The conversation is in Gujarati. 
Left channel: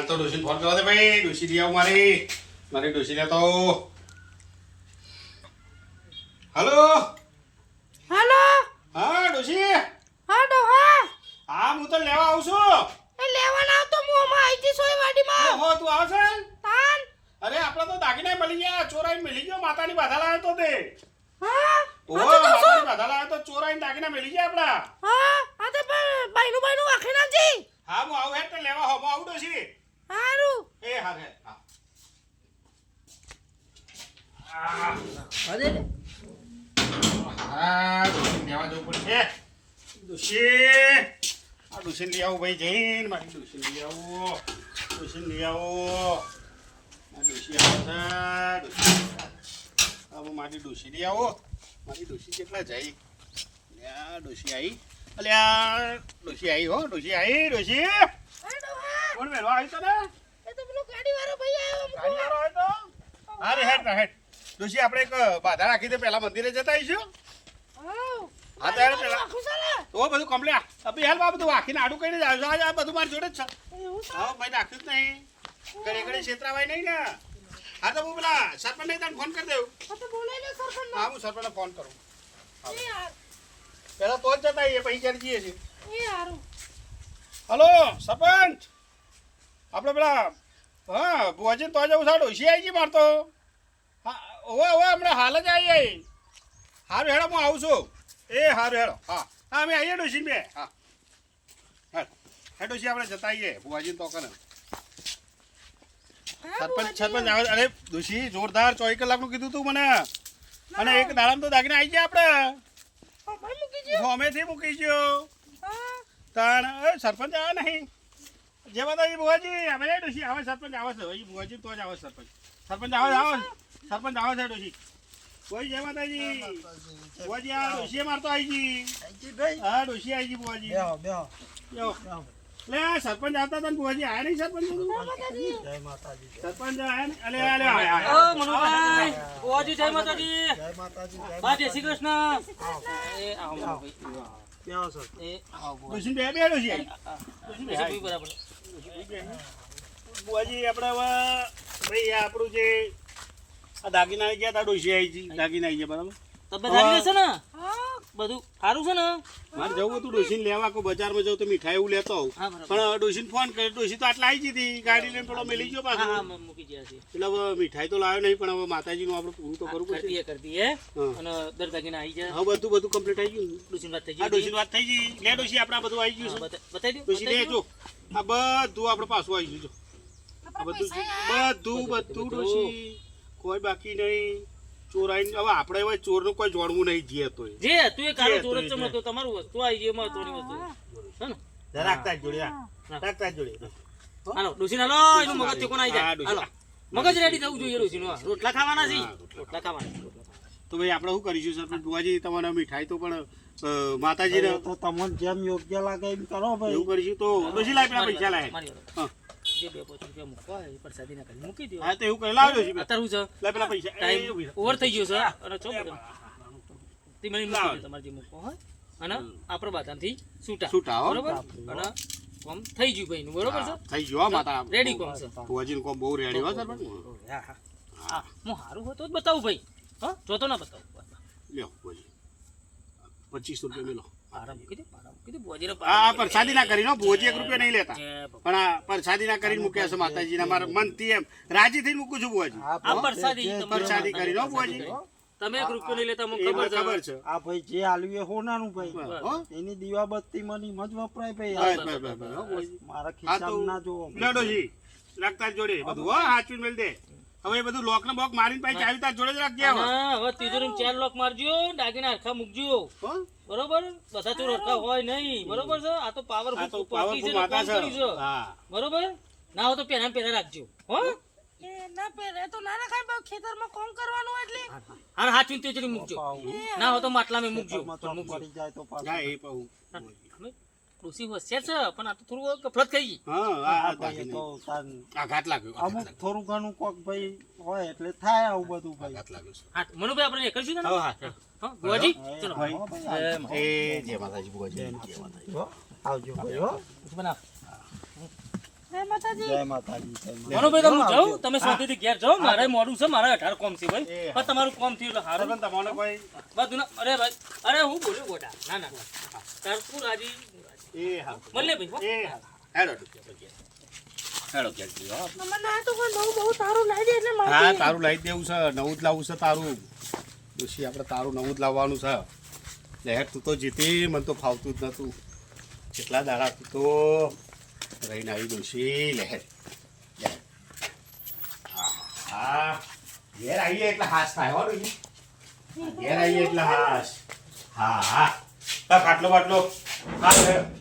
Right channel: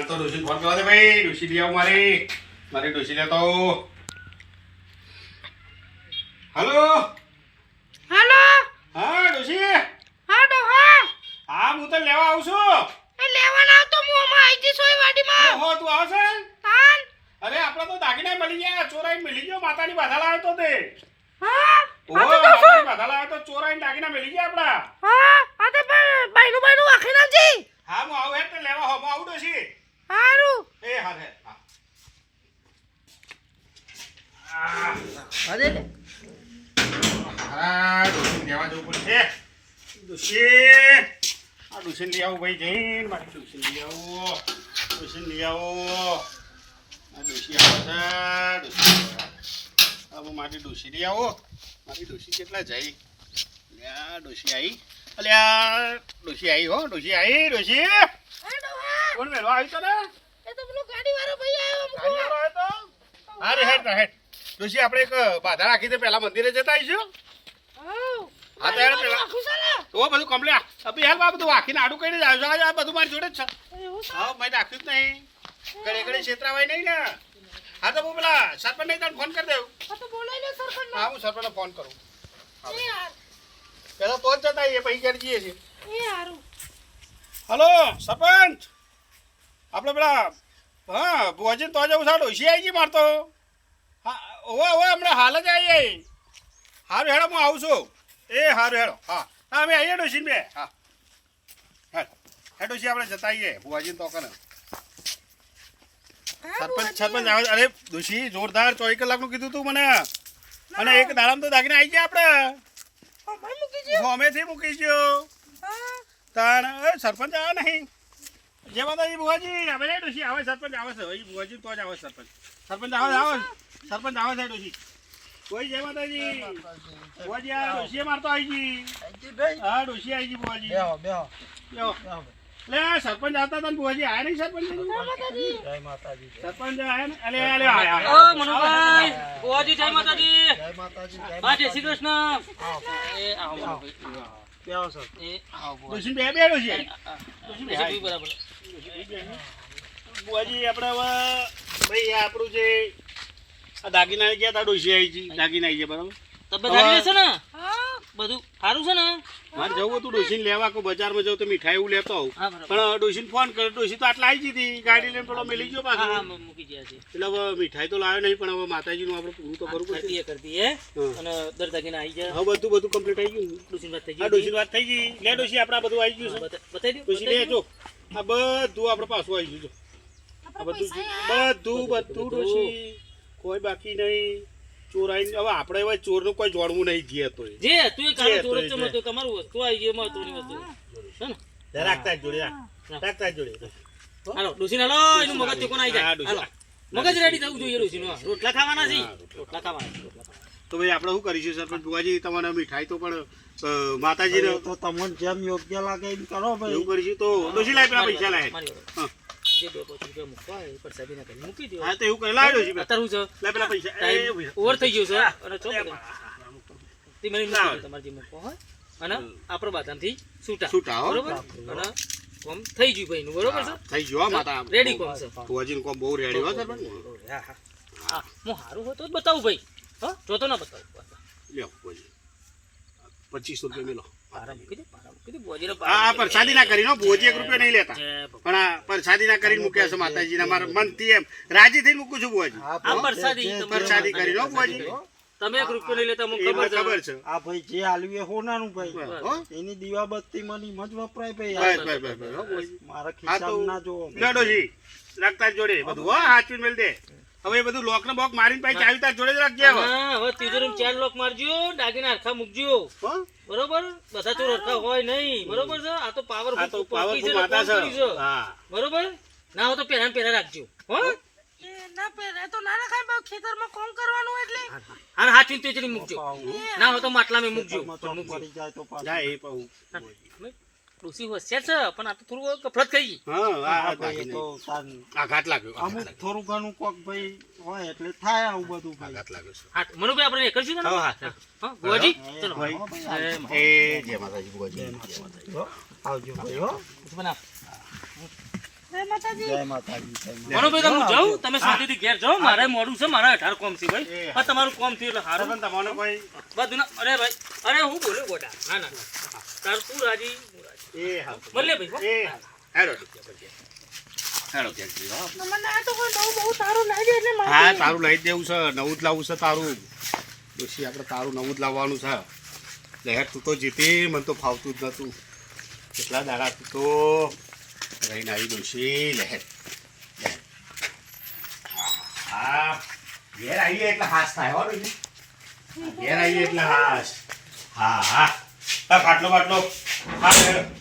તો ડોસી ફોન કરવા દે ભાઈ? ડોસી લઈ આવ મારી. મારી ડોશી લેતો હલો? હલો? હા ડોસી હા. ડોહા હા હું તો લેવા આવું છું. એ લેવાના તો હું અમા આઈજી સોય વાડીમાં. હો તું આવશે તાન. અરે આપડે તો દાગીના મળી ગયા. ચોરાઈ મળી ગયો. માતાની બાધા લાવ્યો તો તે. હા? ઓહો બાધા લાવ્યો તો ચોરાઈ દાગીના મળી ગયા આપડા હા આ તો બા- બાયનું બાયનું આખી નાખજી હા હું આવું હેઠ લેવા હો હું આવું ડોશી હારું એ હા હે હા અરે. આ ડોશી લેવા જવું પડશે. ડોશી. આ ડોશી લઈ આવું ભાઈ જઈને. મારી ડોશી લઈ આવો. ડોશી લઈ આવો. આ ડોશી આવે છે. ડોશી. હવે મારી ડોશી લઈ આવો. મારી ડોશી કેટલા જાય? લ્યા ડોશી આવી અલ્યા ડોશી આવી હો. ડોશી આવી ડોહા. કોણ વેલો? આવી તને એ તો પેલો ગાડી વાળો ભાઈ આવ્યો ગાડી વાળો આવ્યો તો. હા હેડ હેડ. ડોશી આપણે એક બાધા રાખી દે પહેલા મંદિરે જતા આવીશું. હા, તો પેલા. તો બધું કમ્પ્લીટ અભી હાલ આ બધું વાકીને આડું કઈને જ આવજો આ બધું મારી જોડે જ છે. હા મેં રાખ્યું જ નહીં. ઘરે ઘરે છેતરાવાય નહીં ને. હા તો હું પેલા સરપંચ નહીં તને ફોન કરી દઉં. આ તો સરપંચ હા હું સરપંચને ફોન કરું. યાર હાર. તો જ જતા આવીએ પછી ઘેર જઈએ છીએ. હલો સરપંચ. આપણે પેલા હા ભુવાજી તો જવું સાડો ઓછી આવી ગઈ મારતો હા ઓવે ઓવે હમણાં હાલ જ આવીએ સારું હેડો હું આવું છું. એ સારું હેડો. હા. હા અમે આવીએ ડોશી બે હા. હા હે ડોસી આપણે જતા આવીએ ભુવાજી તો કરે સરપંચ સરપંચ આવે અરે ડોસી જોરદાર ચોવીસ કલાકનું કીધું તું મને. અને એક દાડામાં તો દાગીને આવી જાય આપણે. અમે મૂકી દે મૂકી ગયો હા. તાણ સરપંચ આવે નહીં. જય માતાજી બુવાજી અમે નહીં ડોશી આવે સરપંચ આવે છે ભાઈ બુવાજી તો જ આવે સરપંચ. સરપંચ આવે આવે. સરપંચ આવે છે ડોશી. કોઈ જય માતાજી. બુવાજી આ ડોશી મારતો આવી ગઈ હા ડોશી આવી ગઈ બુવાજી લ્યો. લે સરપંચ આવતા હતા બુવાજી આયા નહીં સરપંચ? સરપંચ આયા ને? અલે અલે આયા, ઓ. મનોભાઈ. ઓજી જય માતાજી. બા જય શ્રી કૃષ્ણ. એ આવો એ બે બરાબર આપણે હવે ભાઈ આપણું જે આ દાગીના ગયા તા ડોસી આવી છે દાગીના આવી છે બરાબર? તબિયત સારી રહેશે ને? હા. બધું સારું છે ને? મારે જવું હતું ડોશીને લેવા કો બજારમાં જવું તો મીઠાઈ એવું લેતો આવું. પણ ડોશીને ફોન કર્યો ડોશી તો આટલા આવી હતી ગાડી લઈને થોડો મેલી ગયો પાછો. હા મૂકી ગયા છે. એટલે હવે મીઠાઈ તો લાવ્યો નહીં પણ હવે માતાજીનું આપણે પૂરું તો કરવું પડશે. કરતી એ કરતી એ. અને દર દાગીને આવી જાય હવે બધું બધું કમ્પ્લીટ આવી ગયું. ડોસીની વાત થઈ ગઈ ડોશીની વાત થઈ ગઈ. લે ડોશી આપણે બધું આવી ગયું છે. બતાવી દો ડોશી લે જો. આ બધું આપણે પાછું આવી ગયું જો. બધું બધું બધું. ડોશી. કોઈ બાકી નહીં. ચોરાઈ હવે આપણે હવે ચોરનું કોઈ જોડવું નહીં જે તો જે તું એ કાળો ચોર જ. ચમકતો તમારું વસ્તુ આવી ગઈ મહત્વની વસ્તુ. હે. ને? રાખતા જ જોડે રાખતા જ જોડે. હાલો ડોસીને હાલો એનું મગજ ચોખ્ખું આવી જાય. હાલો. મગજ રેડી થવું જોઈએ ડોસીનું રોટલા ખાવાના છે? રોટલા ખાવાના. છે, રોટલા ખાવાના. તો ભાઈ આપણે શું કરીશું સરપંચ બુવાજી તમારે મીઠાઈ તો પણ માતાજી માતાજીને તો તમને જેમ યોગ્ય લાગે એમ કરો ભાઈ. એવું કરીશું તો ડોશી લાય પેલા પૈસા લાય. હા. જે બે પાંચ રૂપિયા મૂકવા એ પ્રસાદી ના કરી મૂકી દો હા તો એવું કરી લાવ્યો છે. અત્યારે શું છે. લાય પેલા પૈસા. ટાઈમ ઓવર થઈ ગયો છે. અને ચો તે મને મૂકી તમારે જે મૂકવો હોય. અને આપણે બધાથી છૂટા. છૂટા, બરોબર? અને કોમ થઈ ગયું ભાઈનું બરોબર છે? થઈ ગયો માતા રેડી કોમ છે? બુવાજીનું કોમ બહુ રેડી હો સરપંચ. હા હા. હા હું સારું હોય તો જ બતાવું ભાઈ. હા જો તો ના બતાવું. લ્યો પચીસો પચીસ રૂપિયા મેલો. પારા મૂકી દે પારા મૂકી દે બોજીને પરસાદી ના કરીને હો, બુવાજી એક રૂપિયા નહીં લેતા. પણ આ પરસાદી ના કરીને મૂક્યા છે માતાજીના મારા મનથી એમ. રાજી થઈને મૂકું છું બુવાજી આ પ્રસાદી પરસાદી કરીને તમે એક રૂપિયો નહીં લેતા મને ખબર છે. ખબર છે. આ ભાઈ જે આલ્યું એ હોનાનું ભાઈ. એની દીવાબત્તી મની મજ વપરાય ભાઈ. મારા ખિસ્સામાં ના જોવો. લડોજી રાખતા જોડે. બધું હો હાચવીને મેલ દે. હવે બધું લોક ને બોક મારીને પાછી ચાવી તાર જોડે જ રાખજે હવે. હવે તિજોરીમાં ચાર લોક મારજો દાગીના આખા મૂકજો. હો? બરોબર? બધા ચોર હરખા હોય નહીં. બરોબર છે? આ તો પાવર આ તો પાવરફુલ માતા છે બરોબર? ના હોય તો પહેલા પહેલા રાખજો. હો? ના પહેરે તો ના રખાય બા ખેતરમાં કોમ કરવાનું એટલે. અને હાથ તિજોરી મૂકજો. ના હોય તો માટલામાં મૂકજો. ચોક જાય તો પાછું. જા એ પાઉં ડોસી હોશિયાર છે પણ આ તો થોડું ગફલત થઈ ગઈ. હા આ હા આ ભાઈ એ દાખલ તો તાન- આ ઘાટ લાગ્યો અમુક થોડું ઘણું કોક ભાઈ હોય એટલે થાય આવું બધું ભાઈ. ઘાટ લાગ્યો હા મનુભાઈ આપણે એ કરશું ને હા, હા. હા ચલો. હા ભાઈ, એમ. એ જય માતાજી બુવાજી હો. આવજો ભાઈ હો. બનાવ જય માતાજી. જય માતાજી મનુભાઈ તમે તમે શાંતિથી ઘેર જાઓ. મારે મોડું છે મારા અઢાર કોમ છે ભાઈ. પણ તમારું કોમ થયું એટલે હારો. તમને કોઈ. બધું ના અરે ભાઈ અરે હું બોલ્યો ગોડા? ના ના ના. તાર તું રાજી એ હા મળીએ ભાઈ. એ હા હેલો. હેલો ક્યાંક હા મને તો કોઈ બહુ બહુ સારું લાગે એટલે હા તારું લઈ દેવું છે. નવું જ લાવવું છે તારું. ડોશી આપણે તારું નવું જ લાવવાનું છે. લહેર તું તો જીતી મને તો ફાવતું જ નહોતું કેટલા દાડા તું તો રહીને આવી ગયું લહેર. લહેર. હા, હા. ઘેર આવીએ એટલે હાશ થાય હો ઘેર આવીએ એટલે હાશ. હા હા. પાટલો પાટલો હા.